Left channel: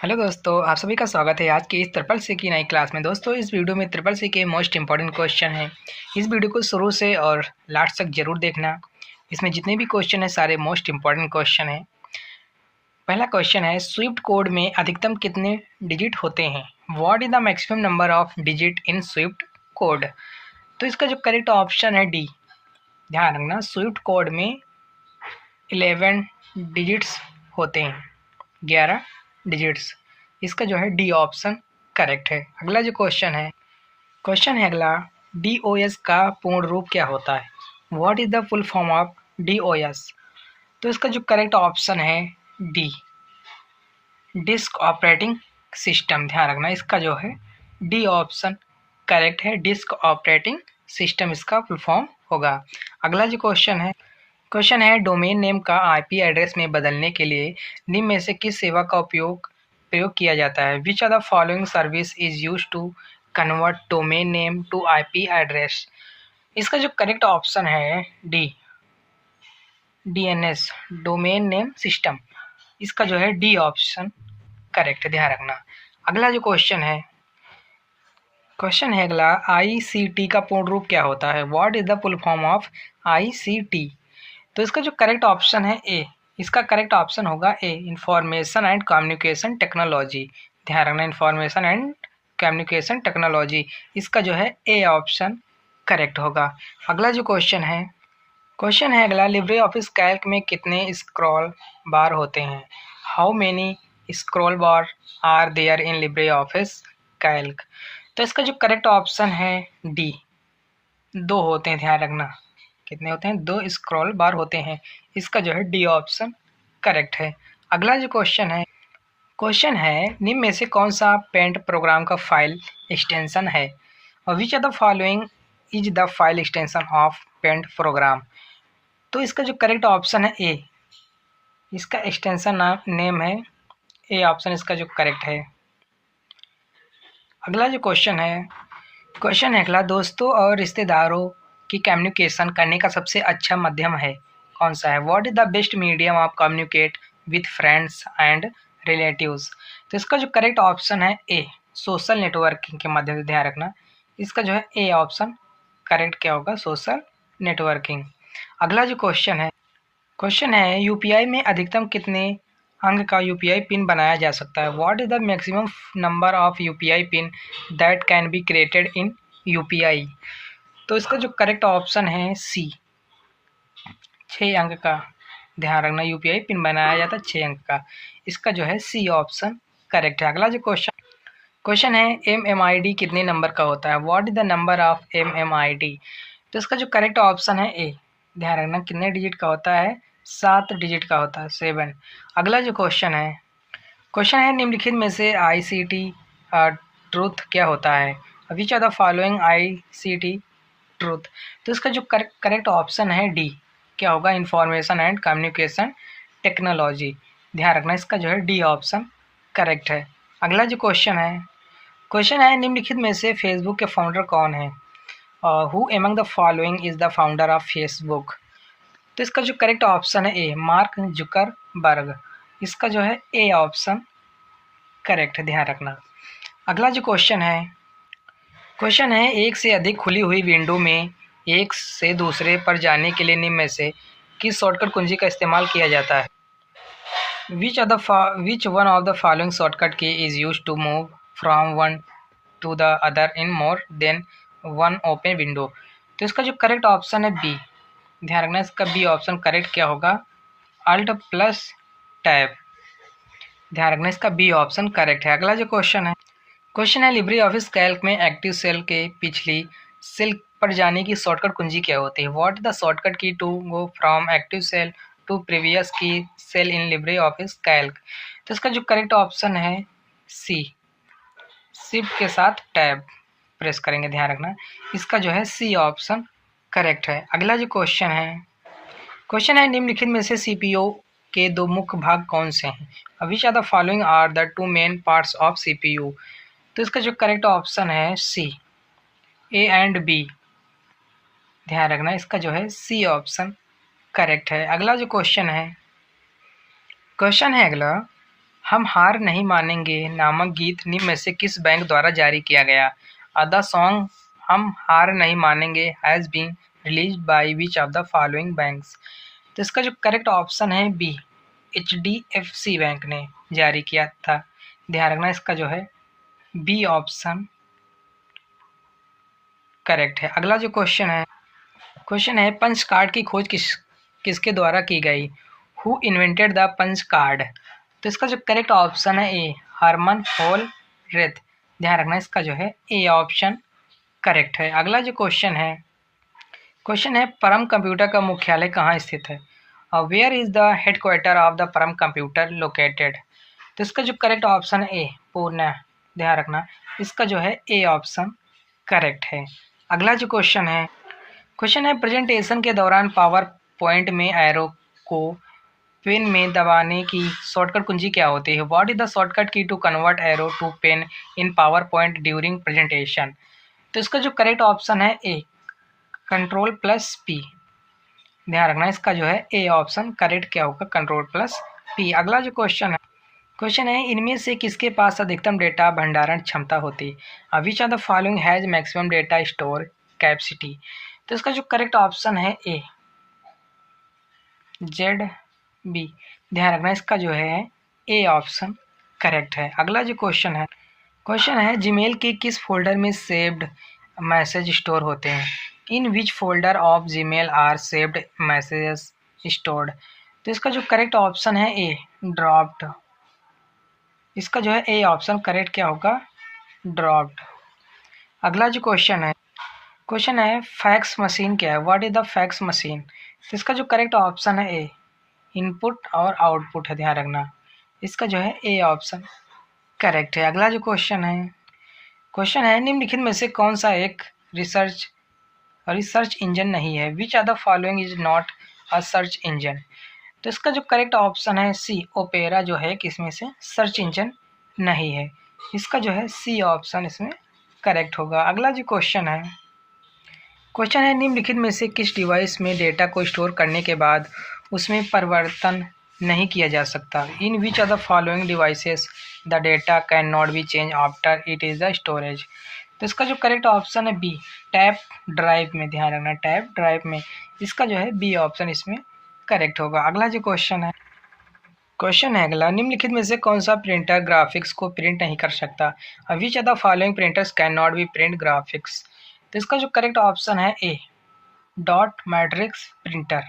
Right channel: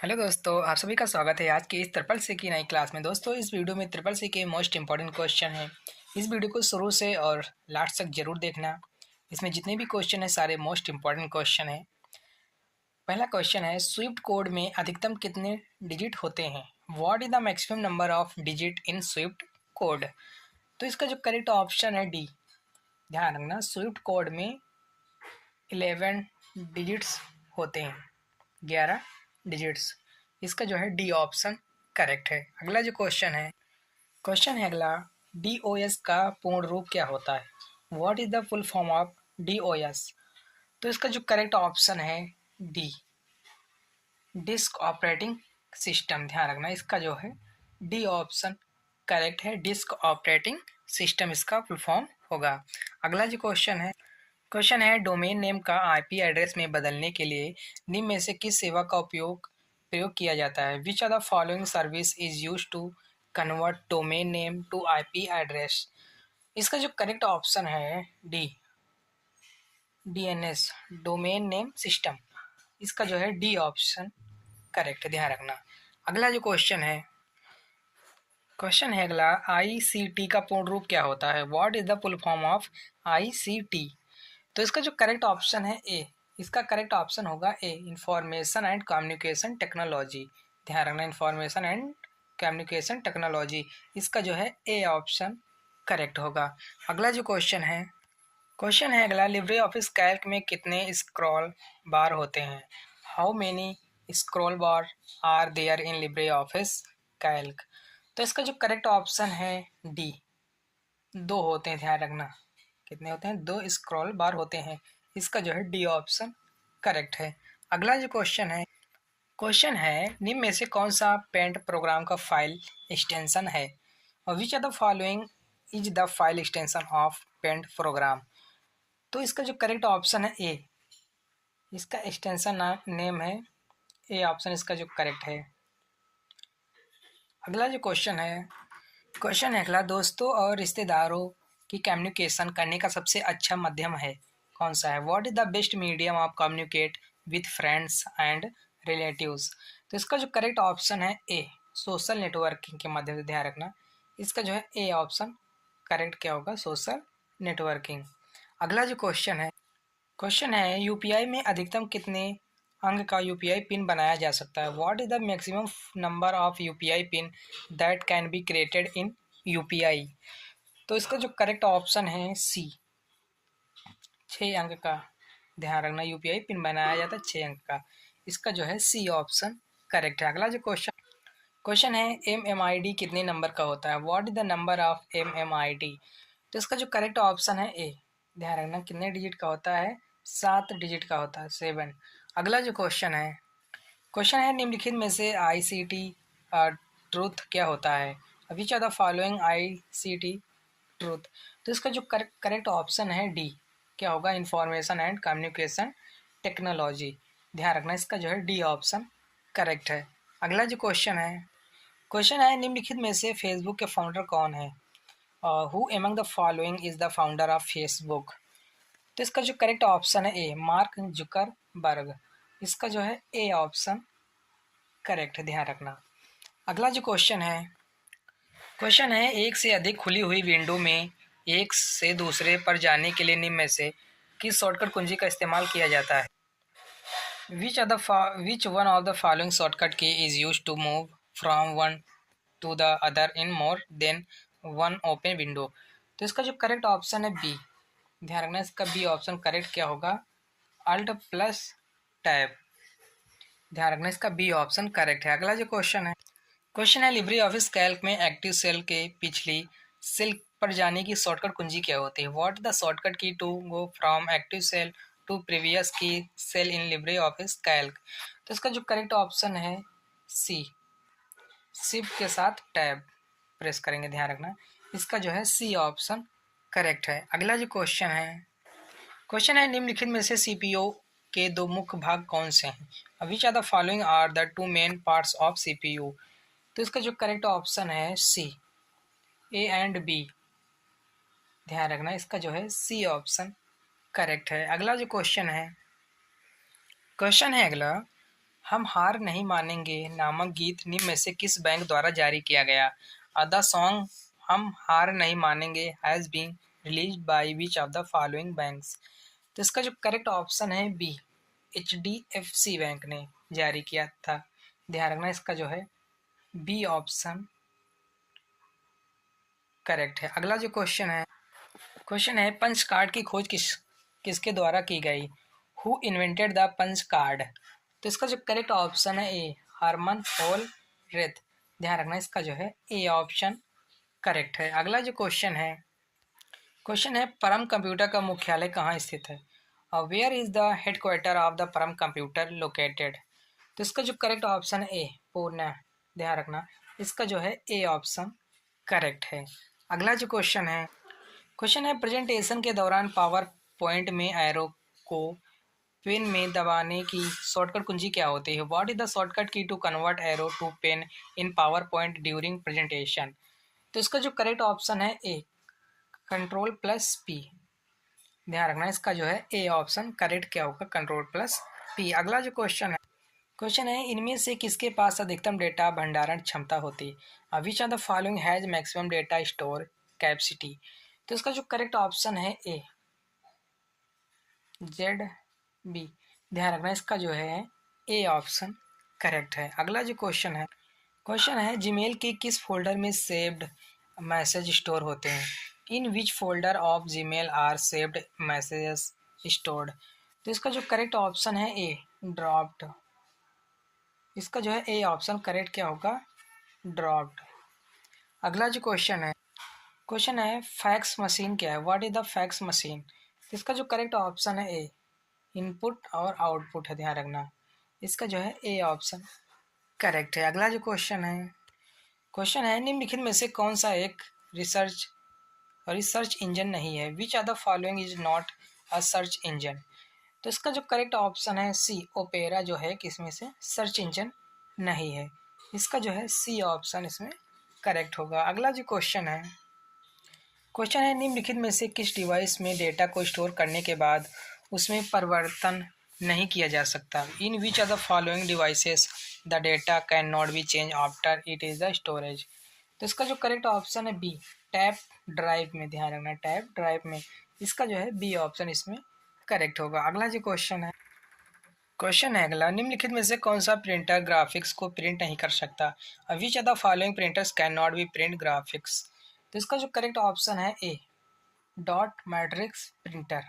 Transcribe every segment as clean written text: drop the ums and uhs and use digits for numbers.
Hello दोस्तों, आप सभी का स्वागत है आज की इस ट्रिपल सी की नई क्लास में। दोस्तों, इस वीडियो में ट्रिपल सी के मोस्ट इंपॉर्टेंट क्वेश्चन हैं। इस वीडियो को शुरू से और लास्ट तक जरूर देखना। इसमें जितने भी क्वेश्चन हैं सारे मोस्ट इंपॉर्टेंट क्वेश्चन हैं। पहला क्वेश्चन है, स्विफ्ट कोड में अधिकतम कितने डिजिट होते हैं? What is the maximum number of digit in Swift code? तो इसका जो करेक्ट ऑप्शन है डी। ध्यान रखना, स्विफ्ट कोड में 11 डिजिट्स होते हैं, 11 डिजिट्स। इसका जो है डी ऑप्शन करेक्ट है। अगला जो क्वेश्चन है अगला, डी ओ एस का पूर्ण रूप क्या होता है? What is the full form of D O S? तो इसका जो करेक्ट ऑप्शन है डी, डिस्क ऑपरेटिंग सिस्टम। ध्यान रखना, इसका जो है डी ऑप्शन करेक्ट है। डिस्क ऑपरेटिंग सिस्टम इसका फुल फॉर्म होगा। अगला जो क्वेश्चन है डोमेन नेम का आईपी एड्रेस में बदलने के लिए निम्न में से किस सेवा का प्रयोग किया जाता है? Which are the following service is use to convert domain name to IP address? इसका जो करेक्ट ऑप्शन है D, DNS, domain name system. इसका जो है डी ऑप्शन करेक्ट है, ध्यान रखना। अगला जो क्वेश्चन है अगला, आईसीटी का पूर्ण रूप क्या होता है? What is the full form of ICT? तो इसका जो करेक्ट ऑप्शन है ए, इसका करेक्ट ऑप्शन होगा ए, इंफॉर्मेशन एंड कम्युनिकेशन टेक्नोलॉजी। ध्यान रखना, इंफॉर्मेशन एंड कम्युनिकेशन टेक्नोलॉजी। इसका जो है ए ऑप्शन करेक्ट होगा। अगला जो क्वेश्चन है अगला, लिब्रे ऑफिस कैल्क में कितने स्क्रॉल बार होते हैं? How many scroll bar are there in Libre office Calc? तो इसका जो करेक्ट ऑप्शन है डी, 2 होते हैं। ध्यान रखना, कितने होते हैं? 2 स्क्रॉल बार होते हैं। इसका जो है डी ऑप्शन करेक्ट है। अगला जो क्वेश्चन है निम्न में से कौन सा पेंट प्रोग्राम का फाइल एक्सटेंशन है? और which are the following is the file extension of paint program? तो इसका जो करेक्ट ऑप्शन है ए, इसका एक्सटेंशन नेम है ए ऑप्शन, इसका जो करेक्ट है। अगला जो क्वेश्चन है अगला, दोस्तों और रिश्तेदारों की कम्युनिकेशन करने का सबसे अच्छा माध्यम है कौन सा है? What is the best medium of communicate with friends and relatives? तो इसका जो करेक्ट ऑप्शन है ए, सोशल नेटवर्किंग के माध्यम से। ध्यान रखना, इसका जो है ए ऑप्शन करेक्ट क्या होगा? Social networking. अगला जो क्वेश्चन है यूपीआई में अधिकतम कितने अंक का यूपीआई पिन बनाया जा सकता है? What is the maximum number of UPI pin that can be created in UPI? तो इसका जो करेक्ट ऑप्शन है सी, 6 अंक का। ध्यान रखना, यूपीआई पिन बनाया जाता है 6 अंक का। इसका जो है सी ऑप्शन करेक्ट है। अगला जो क्वेश्चन है एमएमआईडी कितने नंबर का होता है? What is the number of MMID? तो इसका जो करेक्ट ऑप्शन है ए। ध्यान रखना, कितने डिजिट का होता है? 7 डिजिट का होता है, 7। अगला जो क्वेश्चन है निम्नलिखित में से आईसीटी ट्रूथ क्या होता है? Which are the following ICT truth? तो इसका जो करेक्ट ऑप्शन है डी, क्या होगा? Information and communication technology. ध्यान रखना, इसका जो है डी ऑप्शन करेक्ट है। अगला जो क्वेश्चन है निम्नलिखित में से फेसबुक के फाउंडर कौन है? Who among the following is the founder of Facebook? तो इसका जो करेक्ट ऑप्शन है ए, मार्क जुकरबर्ग। इसका जो है ए ऑप्शन करेक्ट है, ध्यान रखना। अगला जो क्वेश्चन है एक से अधिक खुली हुई विंडो में एक से दूसरे पर जाने के लिए निम्न में से किस शॉर्टकट कुंजी का इस्तेमाल किया जाता है? Which one of the following shortcut key is use to move from one to the other in more than one open window? तो इसका जो करेक्ट ऑप्शन है बी। ध्यान रखना, इसका बी ऑप्शन करेक्ट क्या होगा? Alt plus Tab. ध्यान रखना, इसका बी ऑप्शन करेक्ट है। अगला जो क्वेश्चन है लिब्रे ऑफिस कैल्क में एक्टिव सेल के पिछली सेल पर जाने की शॉर्टकट कुंजी क्या होती है? What the shortcut key to go from active cell to previous key cell in Libre office Calc? तो इसका जो करेक्ट ऑप्शन है सी, शिफ्ट के साथ टैब प्रेस करेंगे। ध्यान रखना, इसका जो है सी ऑप्शन करेक्ट है। अगला जो क्वेश्चन है निम्नलिखित में से सीपीयू के 2 मुख्य भाग कौन से हैं? Which are the following are the 2 main parts of CPU? तो इसका जो करेक्ट ऑप्शन है सी, ए एंड बी। ध्यान रखना, इसका जो है सी ऑप्शन करेक्ट है। अगला जो क्वेश्चन है अगला, हम हार नहीं मानेंगे नामक गीत निम्न में से किस बैंक द्वारा जारी किया गया? द सॉन्ग हम हार नहीं मानेंगे has been release by which of the following banks? तो इसका जो करेक्ट ऑप्शन है बी, HDFC बैंक ने जारी किया था। ध्यान रखना, इसका जो है बी ऑप्शन करेक्ट है। अगला जो क्वेश्चन है पंच कार्ड की खोज किसके द्वारा की गई? Who invented the punch card? तो इसका जो करेक्ट ऑप्शन है ए, हरमन होलरेथ। ध्यान रखना, इसका जो है ए ऑप्शन करेक्ट है। अगला जो क्वेश्चन है परम कंप्यूटर का मुख्यालय कहाँ स्थित है? Where is the headquarter of the Param computer located? तो इसका जो करेक्ट ऑप्शन है ए, पुणे। ध्यान रखना, इसका जो है ए ऑप्शन करेक्ट है। अगला जो क्वेश्चन है प्रेजेंटेशन के दौरान पावर पॉइंट में एरो को पेन में दबाने की शॉर्टकट कुंजी क्या होती है? What is the shortcut key to convert arrow to pen in PowerPoint during presentation? तो इसका जो करेक्ट ऑप्शन है ए, Ctrl+P। ध्यान रखना, इसका जो है ए ऑप्शन करेक्ट क्या होगा? Ctrl+P। अगला जो क्वेश्चन है इनमें से किसके पास अधिकतम डेटा भंडारण क्षमता होती है? विच of the following has maximum data store capacity? तो इसका जो करेक्ट ऑप्शन है ए, ZB। ध्यान रखना, इसका जो है ए ऑप्शन करेक्ट है। अगला जो क्वेश्चन है जीमेल के किस फोल्डर में सेव्ड मैसेज स्टोर होते हैं? In which folder of Gmail are saved messages stored? तो इसका जो करेक्ट ऑप्शन है ए, ड्रॉप्ड। इसका जो है ए ऑप्शन करेक्ट क्या होगा? ड्रॉप्ड। अगला जो क्वेश्चन है फैक्स मशीन क्या है? What is the fax machine? तो इसका जो करेक्ट ऑप्शन है ए, इनपुट और आउटपुट है। ध्यान रखना, इसका जो है ए ऑप्शन करेक्ट है। अगला जो क्वेश्चन है निम्नलिखित में से कौन सा एक रिसर्च इंजन नहीं है? Which are the following is not a search engine? तो इसका जो करेक्ट ऑप्शन है सी, ओपेरा जो है किसमें से सर्च इंजन नहीं है। इसका जो है सी ऑप्शन इसमें करेक्ट होगा। अगला जो क्वेश्चन है निम्नलिखित में से किस डिवाइस में डेटा को स्टोर करने के बाद उसमें परिवर्तन नहीं किया जा सकता? In which of the following devices the data can not be change after it is the storage? तो इसका जो करेक्ट ऑप्शन है बी, टैप ड्राइव में। ध्यान रखना, टैप ड्राइव में। इसका जो है बी ऑप्शन इसमें करेक्ट होगा। अगला जो क्वेश्चन है अगला निम्नलिखित में से कौन सा प्रिंटर ग्राफिक्स को प्रिंट नहीं कर सकता? विच of the following printers can not B print graphics? तो इसका जो करेक्ट ऑप्शन है ए, डॉट मैट्रिक्स प्रिंटर।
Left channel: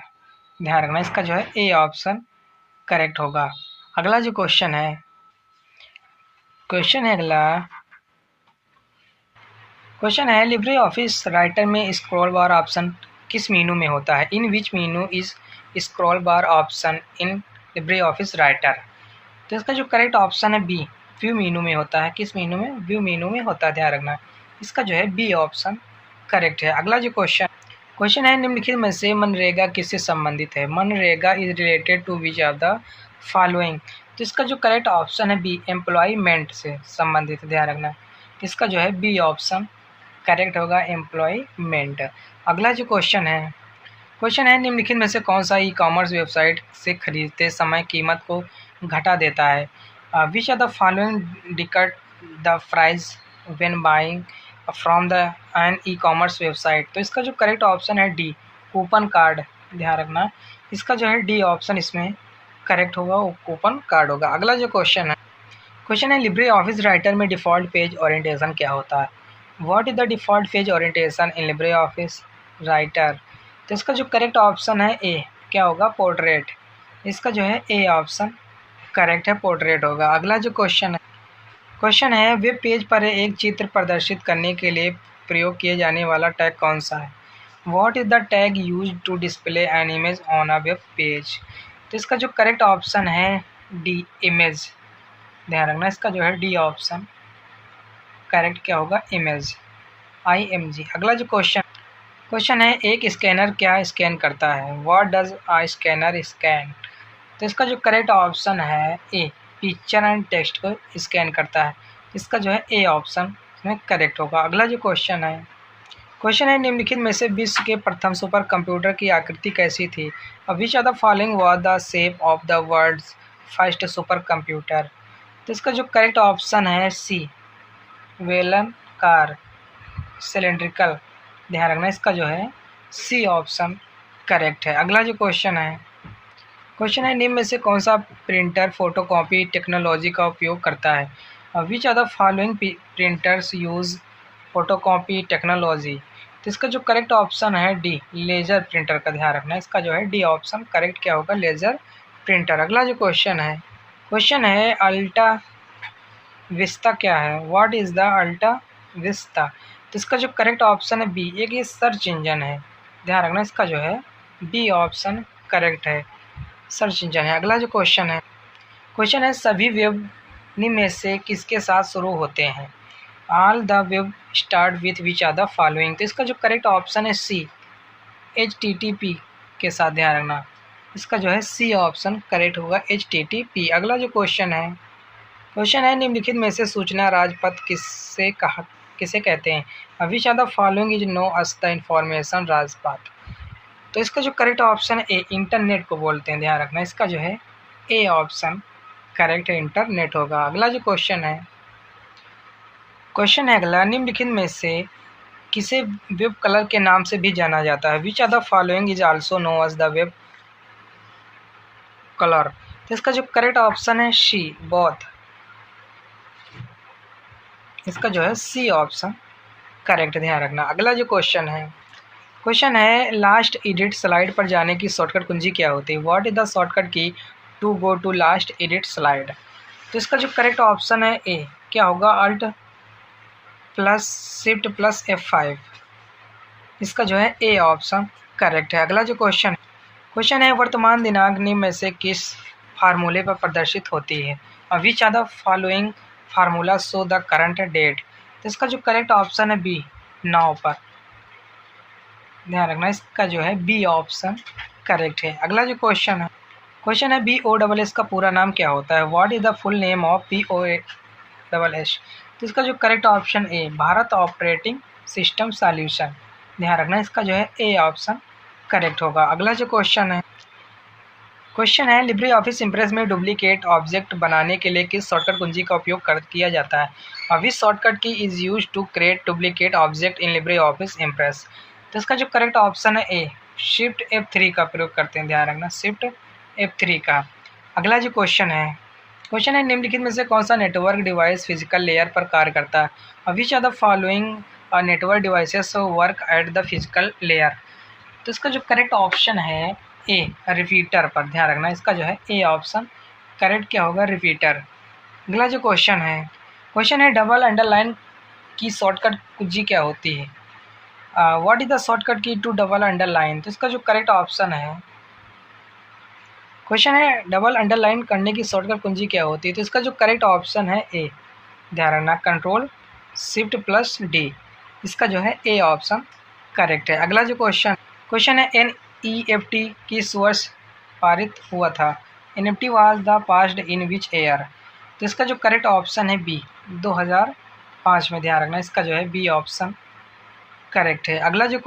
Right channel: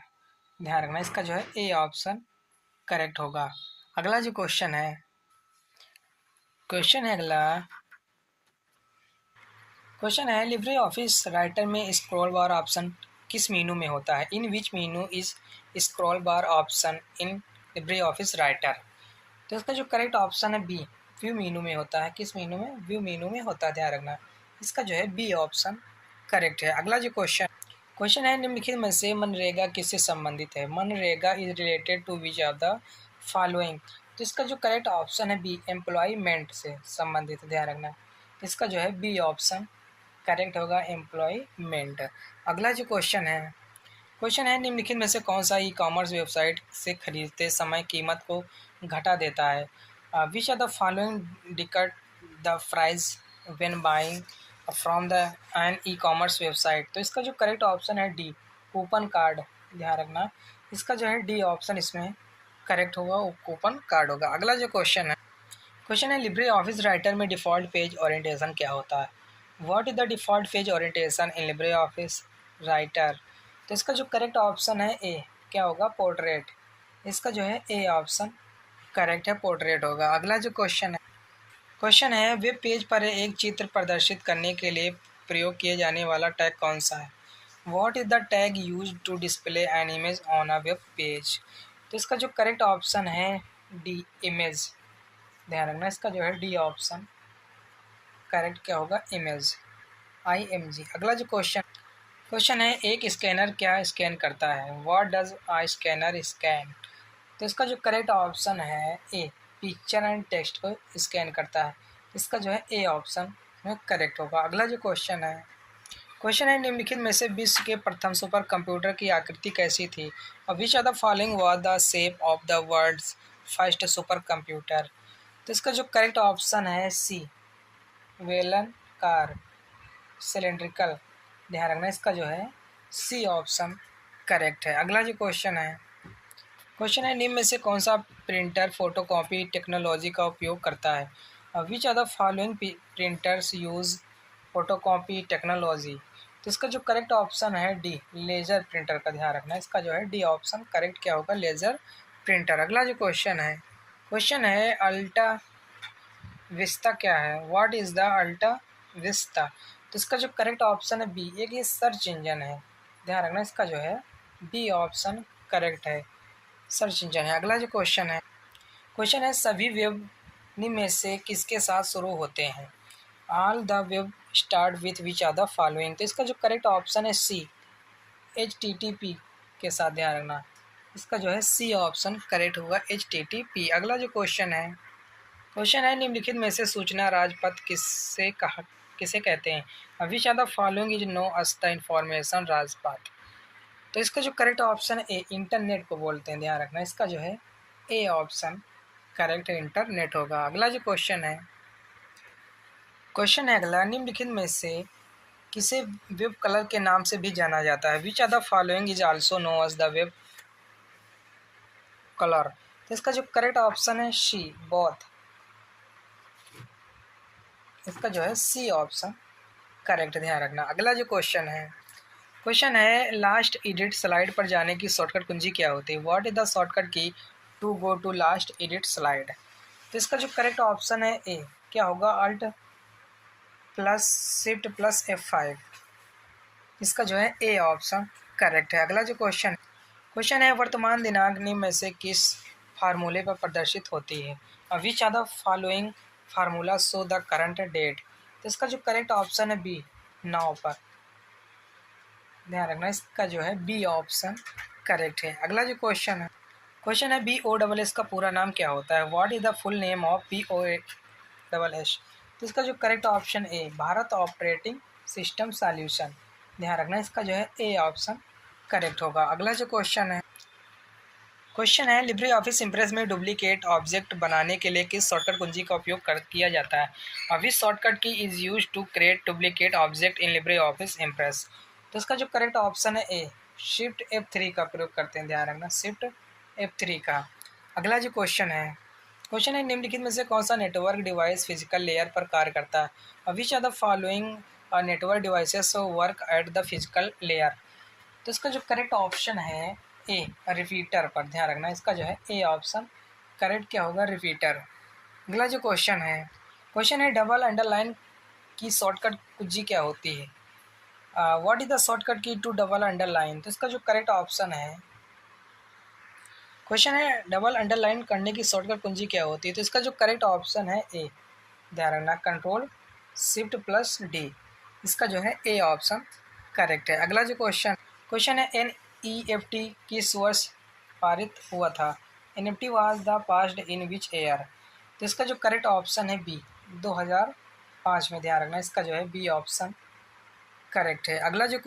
ध्यान रखना, इसका जो है ए ऑप्शन करेक्ट होगा। अगला जो क्वेश्चन है अगला क्वेश्चन है लिब्रे ऑफिस राइटर में स्क्रॉल बार ऑप्शन किस मीनू में होता है? In which menu is scroll bar option in Libre office Writer? तो इसका जो करेक्ट ऑप्शन है बी, व्यू मीनू में होता है। किस मीनू में? व्यू मीनू में होता है। ध्यान रखना, इसका जो है बी ऑप्शन करेक्ट है। अगला जो क्वेश्चन है निम्नलिखित में से मनरेगा किससे संबंधित है? MNREGA is related to which of the following? तो इसका जो करेक्ट ऑप्शन है बी, एम्प्लॉयमेंट से संबंधित। ध्यान रखना, इसका जो है बी ऑप्शन करेक्ट होगा, एम्प्लॉयमेंट। अगला जो क्वेश्चन है निम्नलिखित में से कौन सा ई कॉमर्स वेबसाइट से खरीदते समय कीमत को घटा देता है? Which are the following deduct the price when buying from the an e-commerce website? तो इसका जो करेक्ट ऑप्शन है डी, कूपन कार्ड। ध्यान रखना, इसका जो है डी ऑप्शन इसमें करेक्ट होगा, कूपन कार्ड होगा। अगला जो क्वेश्चन है लिब्रे ऑफिस राइटर में डिफ़ॉल्ट पेज ओरिएंटेशन क्या होता है? What is the default page orientation in Libre office Writer? तो इसका जो करेक्ट ऑप्शन है ए, क्या होगा? पोर्ट्रेट। इसका जो है ए ऑप्शन करेक्ट है, पोर्ट्रेट होगा। अगला जो क्वेश्चन है वेब पेज पर एक चित्र प्रदर्शित करने के लिए प्रयोग किए जाने वाला टैग कौन सा है? What is the tag use to display an image on a web page? तो इसका जो करेक्ट ऑप्शन है डी, इमेज। ध्यान रखना, इसका जो है डी ऑप्शन करेक्ट क्या होगा? Image, IMG। अगला जो क्वेश्चन है एक स्कैनर क्या स्कैन करता है? What does a scanner scan? तो इसका जो करेक्ट ऑप्शन है ए, पिक्चर एंड टेक्स्ट को स्कैन करता है। इसका जो है ए ऑप्शन में करेक्ट होगा। अगला जो क्वेश्चन है निम्नलिखित में से विश्व के प्रथम सुपर कंप्यूटर की आकृति कैसी थी? Which of the following was the shape of the world's first super computer? तो इसका जो करेक्ट ऑप्शन है सी, बेलनाकार सिलेंड्रिकल। ध्यान रखना, इसका जो है सी ऑप्शन करेक्ट है। अगला जो क्वेश्चन है निम्न में से कौन सा प्रिंटर फोटोकॉपी टेक्नोलॉजी का उपयोग करता है? Which are the following printers use photocopy technology? तो इसका जो करेक्ट ऑप्शन है डी, लेज़र प्रिंटर का ध्यान रखना। इसका जो है डी ऑप्शन करेक्ट क्या होगा, लेज़र प्रिंटर। अगला जो क्वेश्चन है अल्टा विस्ता क्या है? What is the AltaVista? तो इसका जो करेक्ट ऑप्शन है बी, एक ये सर्च इंजन है। ध्यान रखना, इसका जो है बी ऑप्शन करेक्ट है, सर्च इंजन है। अगला जो क्वेश्चन है सभी वेब निम्न में से किसके साथ शुरू होते हैं? All the web start with which are the following? तो इसका जो करेक्ट ऑप्शन है सी, HTTP के साथ। ध्यान रखना, इसका जो है सी ऑप्शन करेक्ट होगा, HTTP। अगला जो क्वेश्चन है निम्नलिखित में से सूचना राजपथ किसे कहते हैं? Which are the following is known as the information Rajpath? तो इसका जो करेक्ट ऑप्शन है ए, इंटरनेट को बोलते हैं। ध्यान रखना, इसका जो है ए ऑप्शन करेक्ट है, इंटरनेट होगा। अगला जो क्वेश्चन है अगला, निम्नलिखित में से किसे वेब कलर के नाम से भी जाना जाता है? Which are the following is also known as the web colour? तो इसका जो करेक्ट ऑप्शन है सी, बोथ। इसका जो है सी ऑप्शन करेक्ट, ध्यान रखना। अगला जो क्वेश्चन है लास्ट एडिट स्लाइड पर जाने की शॉर्टकट कुंजी क्या होती है? What is the shortcut key to go to last edit slide? तो इसका जो करेक्ट ऑप्शन है ए, क्या होगा, Alt plus shift plus F5। इसका जो है ए ऑप्शन करेक्ट है। अगला जो क्वेश्चन है वर्तमान दिनांक निम्न में से किस फार्मूले पर प्रदर्शित होती है? Which are the following formula show the current date? तो इसका जो करेक्ट ऑप्शन है बी, 9 पर। ध्यान रखना, इसका जो है बी ऑप्शन करेक्ट है। अगला जो क्वेश्चन है BOSS का पूरा नाम क्या होता है? What is the full name of BOSS? तो इसका जो correct option A, Bharat operating system solution. ध्यान रखना, इसका जो है ए ऑप्शन करेक्ट होगा। अगला जो क्वेश्चन है लिब्रे ऑफिस इम्प्रेस में डुप्लीकेट ऑब्जेक्ट बनाने के लिए किस शॉर्टकट कुंजी का उपयोग किया जाता है? Which shortcut key is use to create duplicate object in Libre Office Impress? तो इसका जो करेक्ट ऑप्शन है ए, शिफ्ट F3 का प्रयोग करते हैं। ध्यान रखना, शिफ्ट F3 का। अगला जो क्वेश्चन है निम्नलिखित में से कौन सा नेटवर्क डिवाइस फिजिकल लेयर पर कार्य करता है? Which are the following network devices work at the physical layer? तो इसका जो करेक्ट ऑप्शन है ए, रिपीटर पर। ध्यान रखना, इसका जो है ए ऑप्शन करेक्ट क्या होगा, रिपीटर। अगला जो क्वेश्चन है डबल अंडरलाइन की शॉर्टकट कुंजी क्या होती है? What is the shortcut key to double underline? तो इसका जो करेक्ट ऑप्शन है डबल अंडरलाइन करने की शॉर्टकट कुंजी क्या होती है? तो इसका जो करेक्ट ऑप्शन है ए, ध्यान रखना, कंट्रोल शिफ्ट प्लस डी। इसका जो है ए ऑप्शन करेक्ट है। अगला जो क्वेश्चन है NEFT किस वर्ष पारित हुआ था? NFT was the passed in which year? तो इसका जो करेक्ट ऑप्शन है बी, 2005 में। ध्यान रखना, इसका जो है बी ऑप्शन करेक्ट है। अगला जो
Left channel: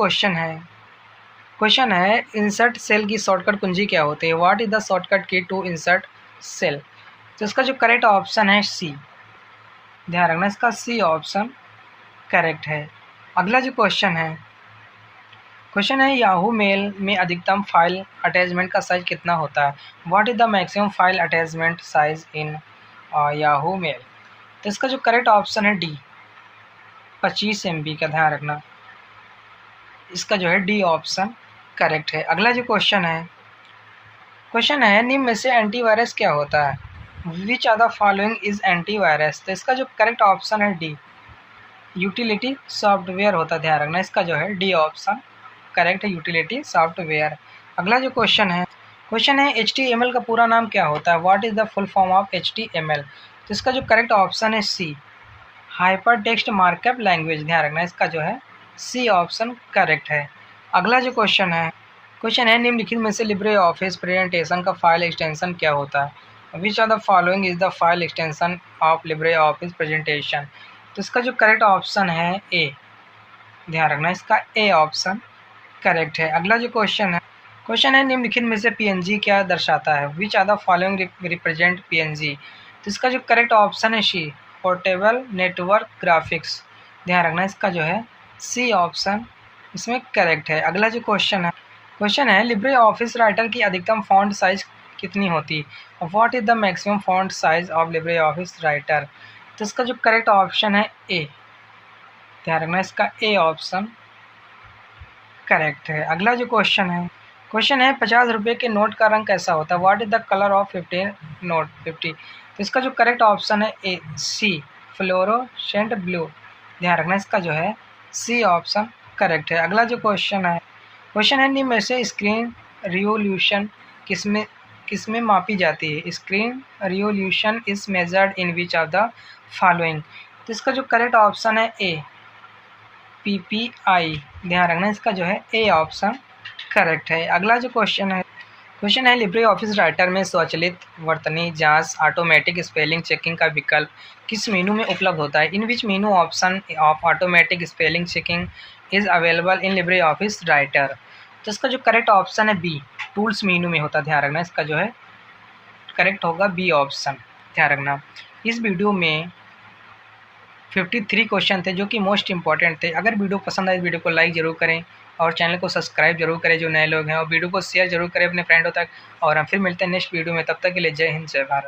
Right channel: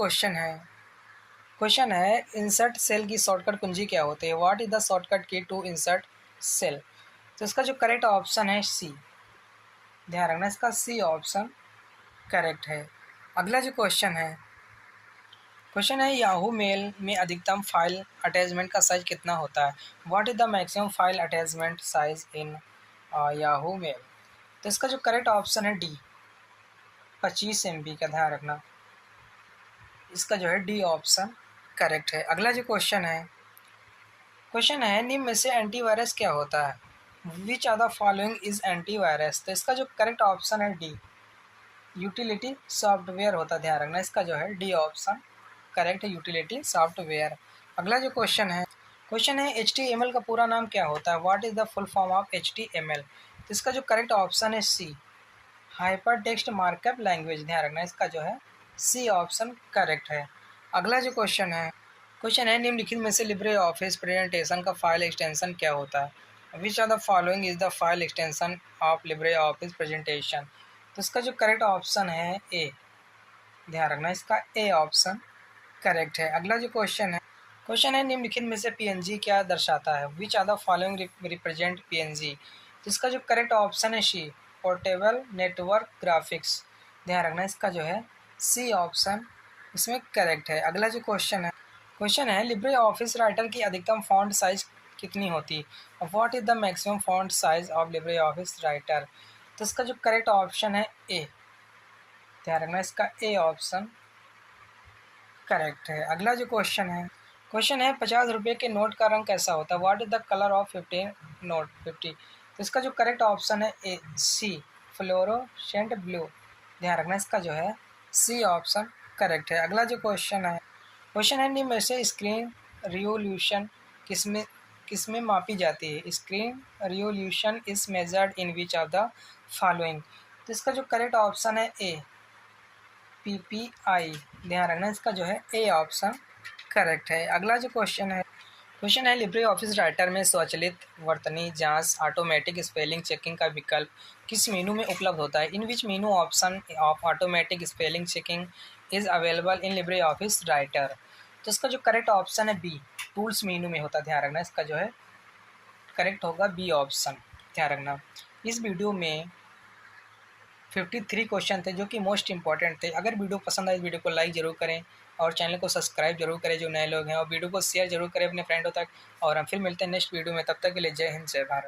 क्वेश्चन है इंसर्ट सेल की शॉर्टकट कुंजी क्या होती है? What is the shortcut key to insert cell? तो इसका जो करेक्ट ऑप्शन है सी, ध्यान रखना, इसका सी ऑप्शन करेक्ट है। अगला जो क्वेश्चन है याहू मेल में अधिकतम फाइल अटैचमेंट का साइज कितना होता है? What is the maximum file attachment size in Yahoo mail? तो इसका जो करेक्ट ऑप्शन है डी, 25 MB का। ध्यान रखना, इसका जो है डी ऑप्शन करेक्ट है। अगला जो क्वेश्चन है निम्न में से एंटीवायरस क्या होता है? Which are the following is antivirus? तो इसका जो करेक्ट ऑप्शन है डी, यूटिलिटी सॉफ्टवेयर होता है। ध्यान रखना, इसका जो है डी ऑप्शन करेक्ट है, यूटिलिटी सॉफ्टवेयर। अगला जो क्वेश्चन है HTML का पूरा नाम क्या होता है? What is the full form of HTML? तो इसका जो करेक्ट ऑप्शन है सी, हाइपर टेक्स्ट मार्कअप लैंग्वेज। ध्यान रखना, इसका जो है सी ऑप्शन करेक्ट है। अगला जो क्वेश्चन है निम्नलिखित में से लिब्रे ऑफिस प्रेजेंटेशन का फाइल एक्सटेंशन क्या होता है? Which are the following is the file extension of Libre Office presentation? तो इसका जो करेक्ट ऑप्शन है ए, ध्यान रखना, इसका ए ऑप्शन करेक्ट है। अगला जो क्वेश्चन है निम्नलिखित में से PNG क्या दर्शाता है? Which are the following represent PNG? तो इसका जो करेक्ट ऑप्शन है सी, पोर्टेबल नेटवर्क ग्राफिक्स। ध्यान रखना, इसका जो है सी ऑप्शन इसमें करेक्ट है। अगला जो क्वेश्चन है लिब्रे ऑफिस राइटर की अधिकतम फॉन्ट साइज कितनी होती है? What is the maximum font size of Libre office Writer? तो इसका जो करेक्ट ऑप्शन है ए। ध्यान रखना, इसका ए ऑप्शन करेक्ट है। अगला जो क्वेश्चन है 50 रुपये के नोट का रंग कैसा होता है? What is the colour of 50 note 50? तो इसका जो करेक्ट ऑप्शन है ए सी, फ्लोरोसेंट ब्लू। ध्यान रखना, इसका जो है सी ऑप्शन करेक्ट है। अगला जो क्वेश्चन है निम्न में से स्क्रीन रिवोल्यूशन किसमें मापी जाती है? Screen revolution is measured in which of the following? तो इसका जो करेक्ट ऑप्शन है ए PPI। ध्यान रखना, इसका जो है ए ऑप्शन करेक्ट है। अगला जो क्वेश्चन है लिब्रे ऑफिस राइटर में स्वचालित वर्तनी जांच ऑटोमेटिक स्पेलिंग चेकिंग का विकल्प किस मेनू में उपलब्ध होता है? In which menu option of automatic spelling checking is available in Libre office Writer? तो इसका जो करेक्ट ऑप्शन है बी, टूल्स मेनू में होता है। ध्यान रखना, इसका जो है करेक्ट होगा बी ऑप्शन। ध्यान रखना, इस वीडियो में 53 क्वेश्चन थे जो कि मोस्ट इंपॉर्टेंट थे। अगर वीडियो पसंद आए, इस वीडियो को लाइक जरूर करें और चैनल को सब्सक्राइब जरूर करें जो नए लोग हैं, और वीडियो को शेयर जरूर करें अपने फ्रेंडों तक। और हम फिर मिलते हैं नेक्स्ट वीडियो में, तब तक के लिए जय हिंद जय भारत।